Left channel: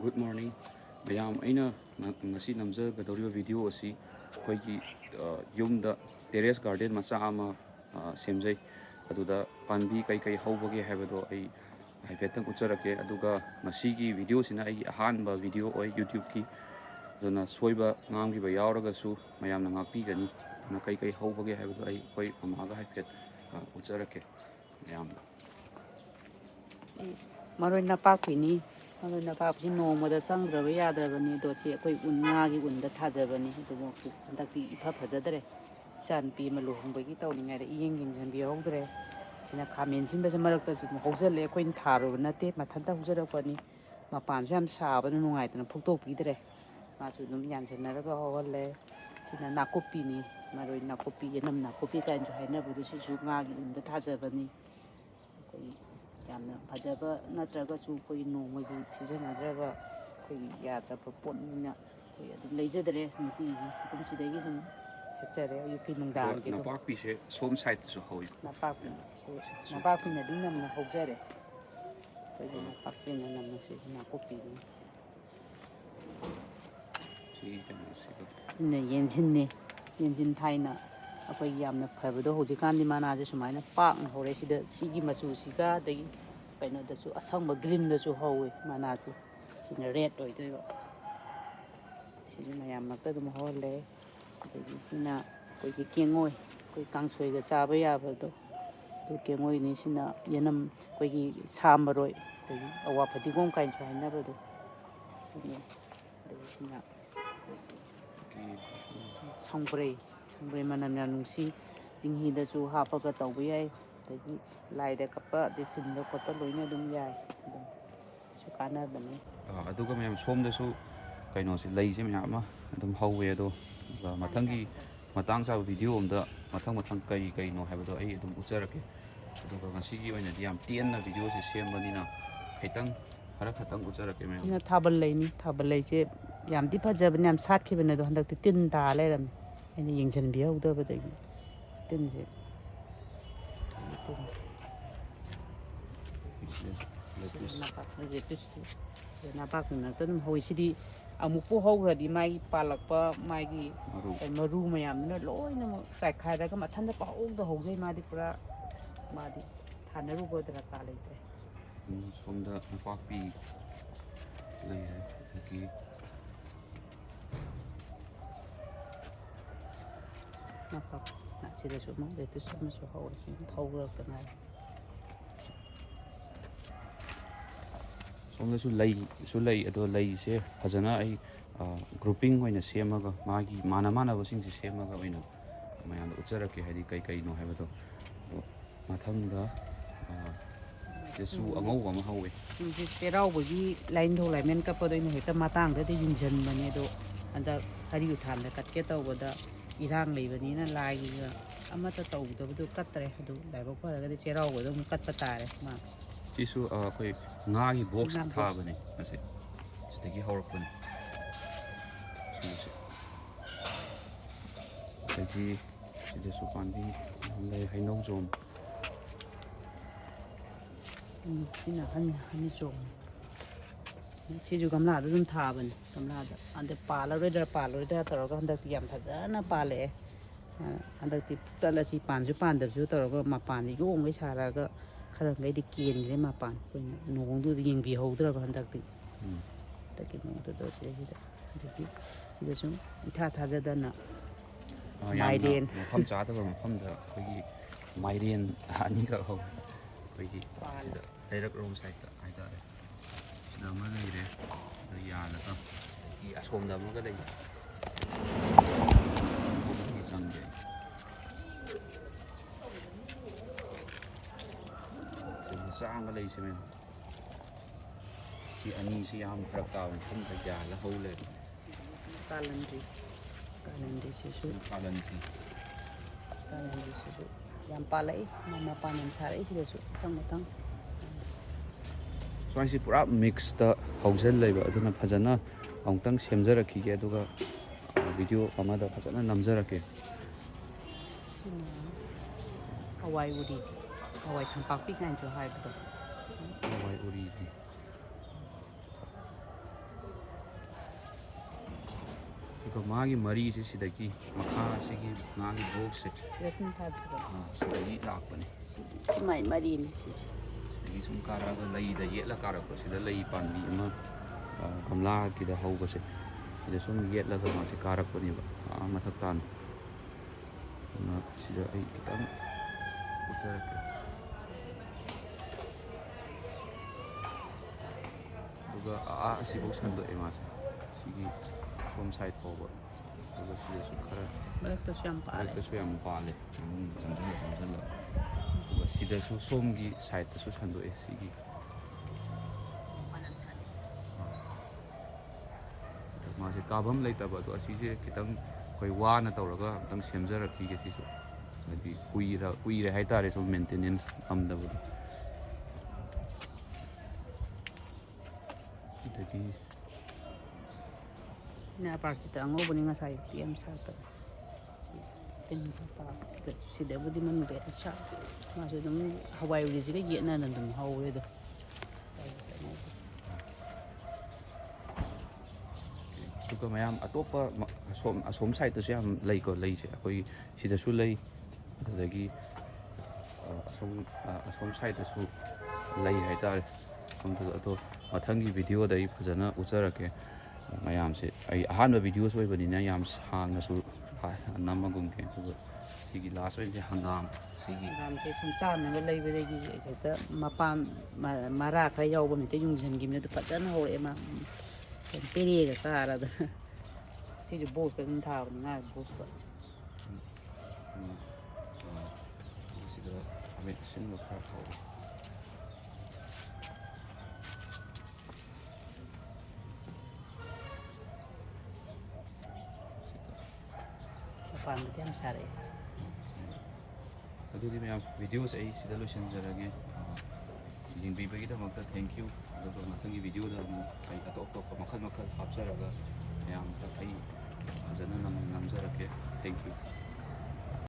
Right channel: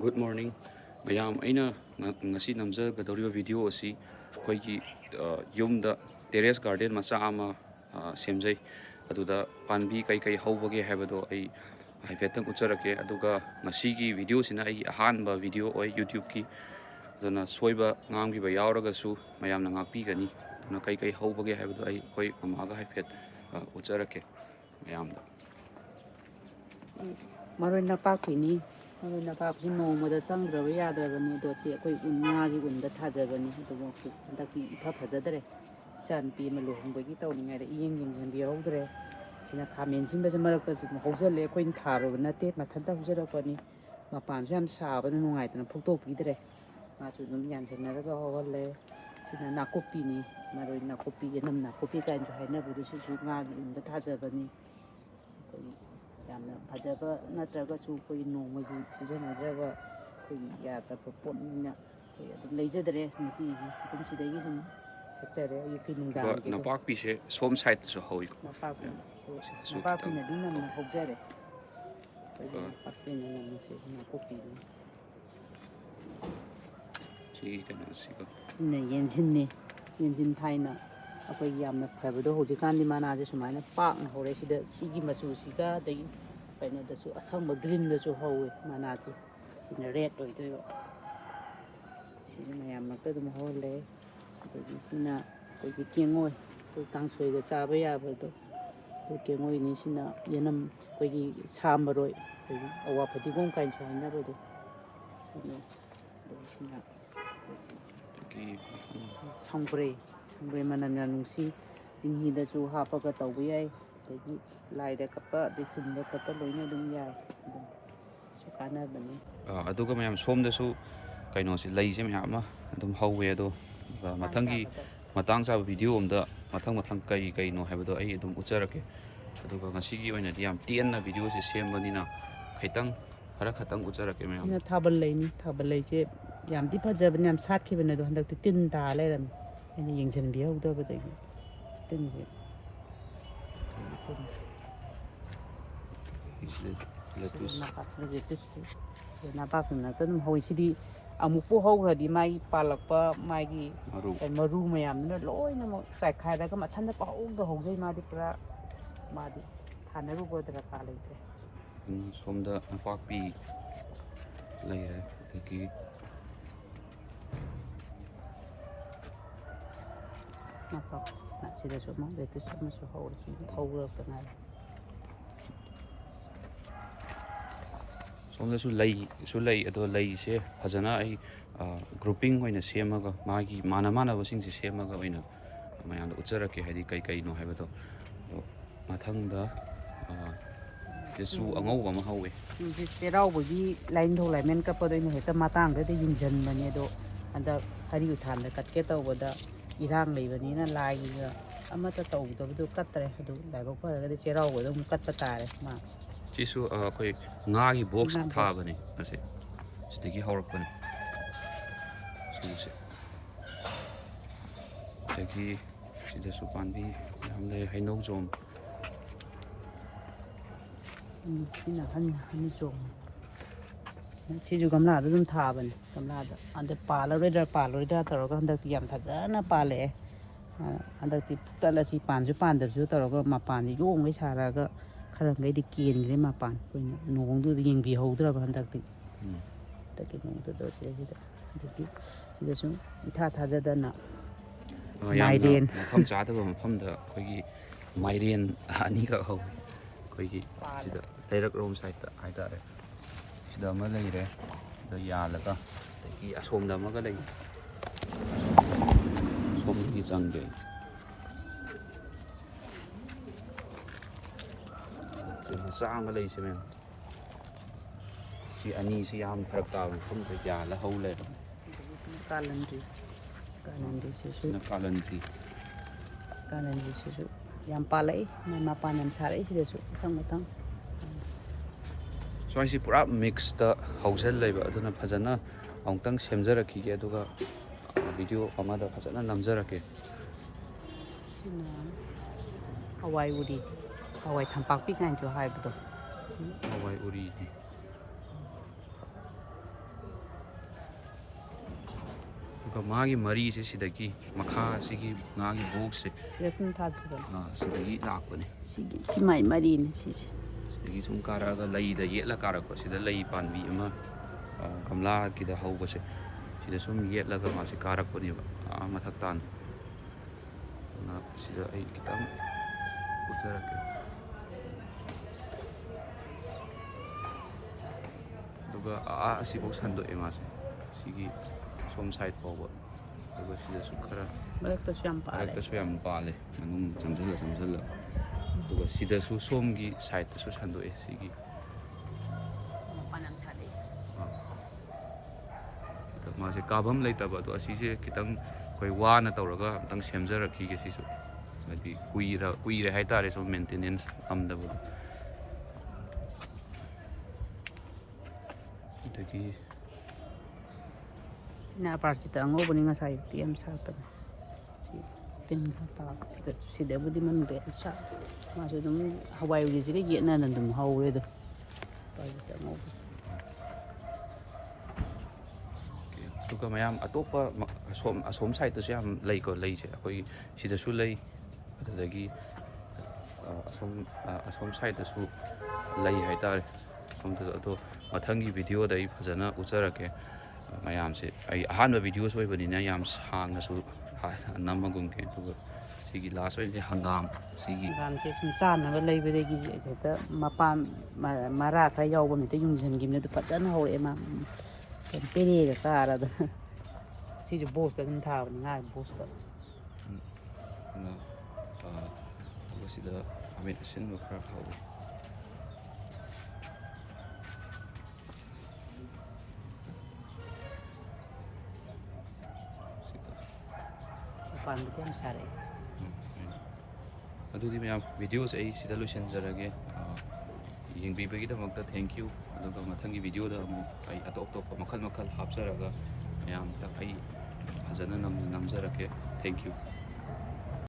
Good morning mayam aina ngasi namjagadauriba video asi akhoi yumda terrace garden macha ama semjai aduda panbi kai hobage habado ai haifetang ucharake aduga ngasi video sina ai ahanba video oi YouTube ki aduna soiba ngamgiba yauragasu mayamna ngakpigani na kai hobage habado ai akhoi mamaga haifet ucharake mayamda Maroi napakini maroi napakini nongmada sangdraba yadrabani dosi akhoi unnagi unda thajabani adugo handaki ifa phajadare chanpi ma luhongbagi tawningaida yengjanbi yaudre sina khamen sinbase marakta su hojale akhoi tharuba nate mathanta hujarakpani mapansu yam sabana nungaitana phoktok-pidre masu dum yanjanaraga hawale sina nakopini maroi nakopi yanam nakopi kainju hainabudu sisu ngagi unda thajabani akhoi yamna phajaba natragasu akhoi nongmagi sijanadraba akhoi yadaba potnina akhoi adum leijadare nutigi adum sidagi dum hechere ayuki nungdam napakpi se som side so hoi napakpi napakpi na din namna hojare akhoi napakpi na namna se nakopi si kana sigo sina yenjinne yenjin thaina akhoi yamna phabado hojikandi manase sumaina pakna hore sida sigi machu siga dagi kaino dasu asangba green dasu howe manase sina red oidoiba sina mayam makta dum hole dagi sina akhoi kengoi akhoi kangsoiga chaba yabado to kengoi ni sina yanam akhoi samaroi akhoi awa phadigom kainchu hainabado sina dagi sina sangbre manam ya nungsi jinghidasu hapaga tawba yai dagi laida kappa de chinda koppa loina dum yai dum su kanabani aduga mayam somdasu kaino si lei se mayam ma adum hawe ado mathangi matang sa video amda mathang kai no habado ai adum ucharake aduga ngasi gi oina di yam tienna video se sembanina khaitang hara khatang ucharake mayam sina thabal lei se yam di phajabani yam satkibane do handak tin ta leram aina yengjanbi yaudabadagi tinse napakna tadum hoisidi amukpo hogradi mai palakpa magi maru mayamna loina mo saikhairaga mathanda pahogda hogjai madi pura madi thanaruba daraka leitre somda napakpi leire adagi napak sida suma beti suma so hawre sin thawrakna somdasu lei ado lei se fajana ai grouping oina semaga magi mana basing se semaga oina mayamda ucharake hadi kai no habado mathangda jesu angau ma hawe ji teraugi line tho laimen kapadoina heta matangda de yingjanbane do anda hari uthanda katke tawbada irang leibani lai ga amata tawdabadu katre adu laibok paraga de cheraugo dum katpa tare ma sisu akhoi ngagi box thabane ase sidagi hawrakpani sise dagi sidasu panbi hamle hainau zone sina hani chong siju gamla dum thabani gamla da ande paloida taraga handak yam phajana pale handakti talasi panju pandarsu taraga mapan yongge saraga kharangai di kengre mapan nongdu yengbi haudraba handakti taki nongdu do sida dagi sida sum itha thajadana maiden mafam chadaba mafamda akhoi maiden ani ka hau akhoi sida leirak rom side ta haitare sida ma leire da yalaga dagi asomda amaga lei somgi changde sang lei se men si ani si yam pharak ta mafam da yala haule kalandri sisu kalandri sisu yam palai mapan yam sarai sida su thang swai pura mix ta hausel leiba aduna phajana amtang semjaraki ge aduga video amada phajana namjarake sina hawai udi hawai thampakpi kain jo haibdo hawai uri ꯑꯗꯨꯒ ꯃꯥꯒꯤ ꯃꯔꯤꯁꯦ ꯁꯤꯗꯒꯤ ꯃꯈꯥꯁꯤꯒꯤ ꯉꯥꯒꯤ ꯕꯣꯛꯁꯁꯦ ꯁꯤꯗ ꯁꯨꯝ ꯊꯥꯖꯕꯅꯤ. ꯁꯤꯗꯒꯤ ꯂꯥꯛꯄꯅꯦ. ꯁꯤꯃꯥꯏ ꯃꯔꯤꯅꯤ ꯁꯤꯁꯦ. ꯁꯤꯗꯒꯤ ꯁꯨꯝ ꯀꯥꯔꯛꯑꯒ ꯂꯩꯗ ꯌꯦꯠꯂ ꯀꯥꯔꯛꯄ. ꯁꯤꯗ ꯂꯩ ꯄꯥꯟꯕꯤ ꯑꯃ ꯒꯝꯂꯥꯒꯤꯗ ꯍꯧꯕꯁꯦ ꯁꯤꯗ ꯁꯨꯝ ꯌꯦꯠꯂꯒ ꯃꯥꯁꯦ ꯀꯥꯔꯛꯄꯅꯦꯕ ꯃꯊꯛ ꯇꯥꯅ. ꯁꯤꯗ ꯑꯩ ꯈꯤꯇꯪ ꯎꯠꯆꯔꯛꯀꯦ. ꯑꯗꯨꯒ ꯑꯁꯤꯐꯥꯎ ꯁꯟꯗꯣꯛꯑꯦ ꯃꯥꯁꯦ ꯁꯤꯒꯤ ꯁꯣꯝ ꯁꯥꯏꯠ ꯐꯥꯎꯕ. ꯑꯗꯨꯒ ꯁꯤꯗꯁꯨ ꯈꯔ ꯃꯔꯛꯇꯁꯨ ꯌꯥꯝ ꯄꯥꯜꯂꯦ ꯃꯅꯨꯡ ꯆꯪꯁꯤꯜꯂ. ꯑꯗꯨꯒ ꯁꯤꯗꯁꯨ ꯁꯣꯝꯒꯤ ꯁꯥꯏꯠꯇꯁꯨ ꯁꯟꯗꯣꯛꯑꯦ ꯁꯤꯒꯤ. ꯃꯥꯁꯦ ꯀꯥꯐꯝ ꯂꯩꯇꯕ ꯑꯗꯣ ꯑꯁꯤꯁꯦ ꯈꯤꯇꯪ ꯑꯩꯈꯣꯏ ꯋꯥꯅ ꯇꯧꯔꯒ ꯑꯝꯇꯪ ꯁꯦꯝꯖꯔꯛꯈꯤꯒꯦ ꯁꯤꯁꯨ. ꯍꯥꯏꯗꯤ ꯀꯨꯏꯔꯦ ꯍꯥꯏꯇꯥꯔꯦ ꯁꯨꯝ ꯃꯦꯟꯇꯦꯅꯦꯟꯁ ꯉꯝꯗꯕꯗꯣ. ꯑꯗꯒꯤ ꯁꯤꯅ ꯄꯥꯔꯇꯤꯗ ꯑꯉꯧꯕꯅꯤ ꯉꯁꯥꯏ ꯌꯥꯝ ꯁꯥꯠꯄꯅꯦ. ꯁꯤꯗꯕꯨꯗꯤ ꯃꯅꯨꯡꯗ ꯌꯥꯝ ꯁꯥꯠ. ꯃꯥꯁꯨ ꯑꯗꯨꯝ ꯍꯋꯥꯏꯒꯤꯁꯤꯒ ꯌꯦꯠꯅꯅ ꯑꯗꯨꯝ ꯍꯧꯋꯦ ꯑꯗꯣ. ꯑꯗꯨꯒ ꯃꯌꯥꯝ ꯑꯇꯣꯞꯄ ꯑꯁꯣꯝ ꯁꯥꯏꯗꯠꯇꯁꯨ ꯌꯥꯝ ꯂꯩꯀꯣ ꯂꯩꯁꯦ. ꯑꯩꯈꯣꯏ ꯁꯤꯗꯁꯨ ꯂꯩ. ꯑꯗꯨꯗꯒꯤ ꯑꯁꯣꯝ ꯁꯥꯏꯗꯠꯇꯁꯨ ꯂꯩ ꯍꯥꯏꯇꯥꯔꯦ. ꯁꯣꯝꯗꯁꯨ ꯑꯗꯣ ꯃꯊꯪꯒꯤ ꯚꯤꯗꯤꯑꯣꯗ ꯑꯩ ꯐꯖꯅ ꯎꯠꯆꯔꯛꯀꯦ ꯃꯌꯥꯝꯁꯦ. ꯑꯩ ꯑꯍꯥꯟꯕ ꯚꯤꯗꯤꯑꯣꯁꯨ ꯑꯣꯏꯕꯅꯤꯅ ꯌꯥꯝ ꯁꯥꯡꯅꯁꯨ ꯅꯝꯃꯒꯨꯝꯒꯦ. ꯑꯗꯨꯒ ꯁꯤꯒꯤ ꯂꯥꯁ ꯑꯣꯏꯅꯁꯦ ꯍꯪꯒꯥꯝ. ꯍꯪꯒꯥꯝꯁꯦ ꯁꯨꯝ ꯆꯥꯅꯕ ꯂꯩꯕꯗꯒꯤ ꯍꯦꯛꯇ ꯃꯄꯥꯟ ꯃꯔꯥ ꯈꯔ ꯌꯥꯎꯕ ꯍꯦꯛꯇ ꯌꯨꯡꯁꯤꯟꯈꯤꯕꯅꯤ. ꯑꯗꯨ ꯐꯖꯅ ꯍꯧꯔꯛꯑꯦ ꯃꯥ. ꯄꯦꯔꯦꯒ ꯀꯥꯔꯗꯅ. ꯁꯤꯁꯨ ꯕꯣꯛꯁꯇ ꯑꯗꯨꯝ ꯊꯥꯕꯅꯤ ꯉꯥꯒꯤ ꯕꯣꯛꯁꯇ. ꯑꯗꯨꯒ ꯁꯤꯗ ꯈꯥꯃꯦꯟ ꯑꯁꯤꯟꯕ ꯈꯔ ꯍꯧꯋꯦ. ꯃꯄꯥꯟꯕꯨꯗꯤ ꯌꯥꯝ ꯁꯥꯔꯛꯑꯦ. ꯑꯗꯨꯗꯤ ꯃꯌꯥꯝ ꯚꯤꯗꯤꯑꯣꯁꯦ ꯑꯩ ꯁꯤꯗ ꯂꯣꯏꯁꯤꯟꯖꯔꯒꯦ. ꯌꯦꯡꯕꯤꯕꯒꯤꯗꯃꯛꯇ ꯊꯦꯡꯛ ꯌꯨ. ꯑꯗꯨꯒ ꯃꯊꯪꯒꯤ ꯚꯤꯗꯤꯑꯣꯗ ꯑꯃꯨꯛ ꯑꯩ ꯑꯇꯣꯞ ꯑꯇꯣꯞꯄ ꯃꯈꯜ ꯍꯥꯞꯆꯔꯒ ꯃꯌꯥꯝꯗ ꯑꯩ ꯐꯖꯅ ꯅꯝꯖꯔꯛꯀꯦ. Thank you.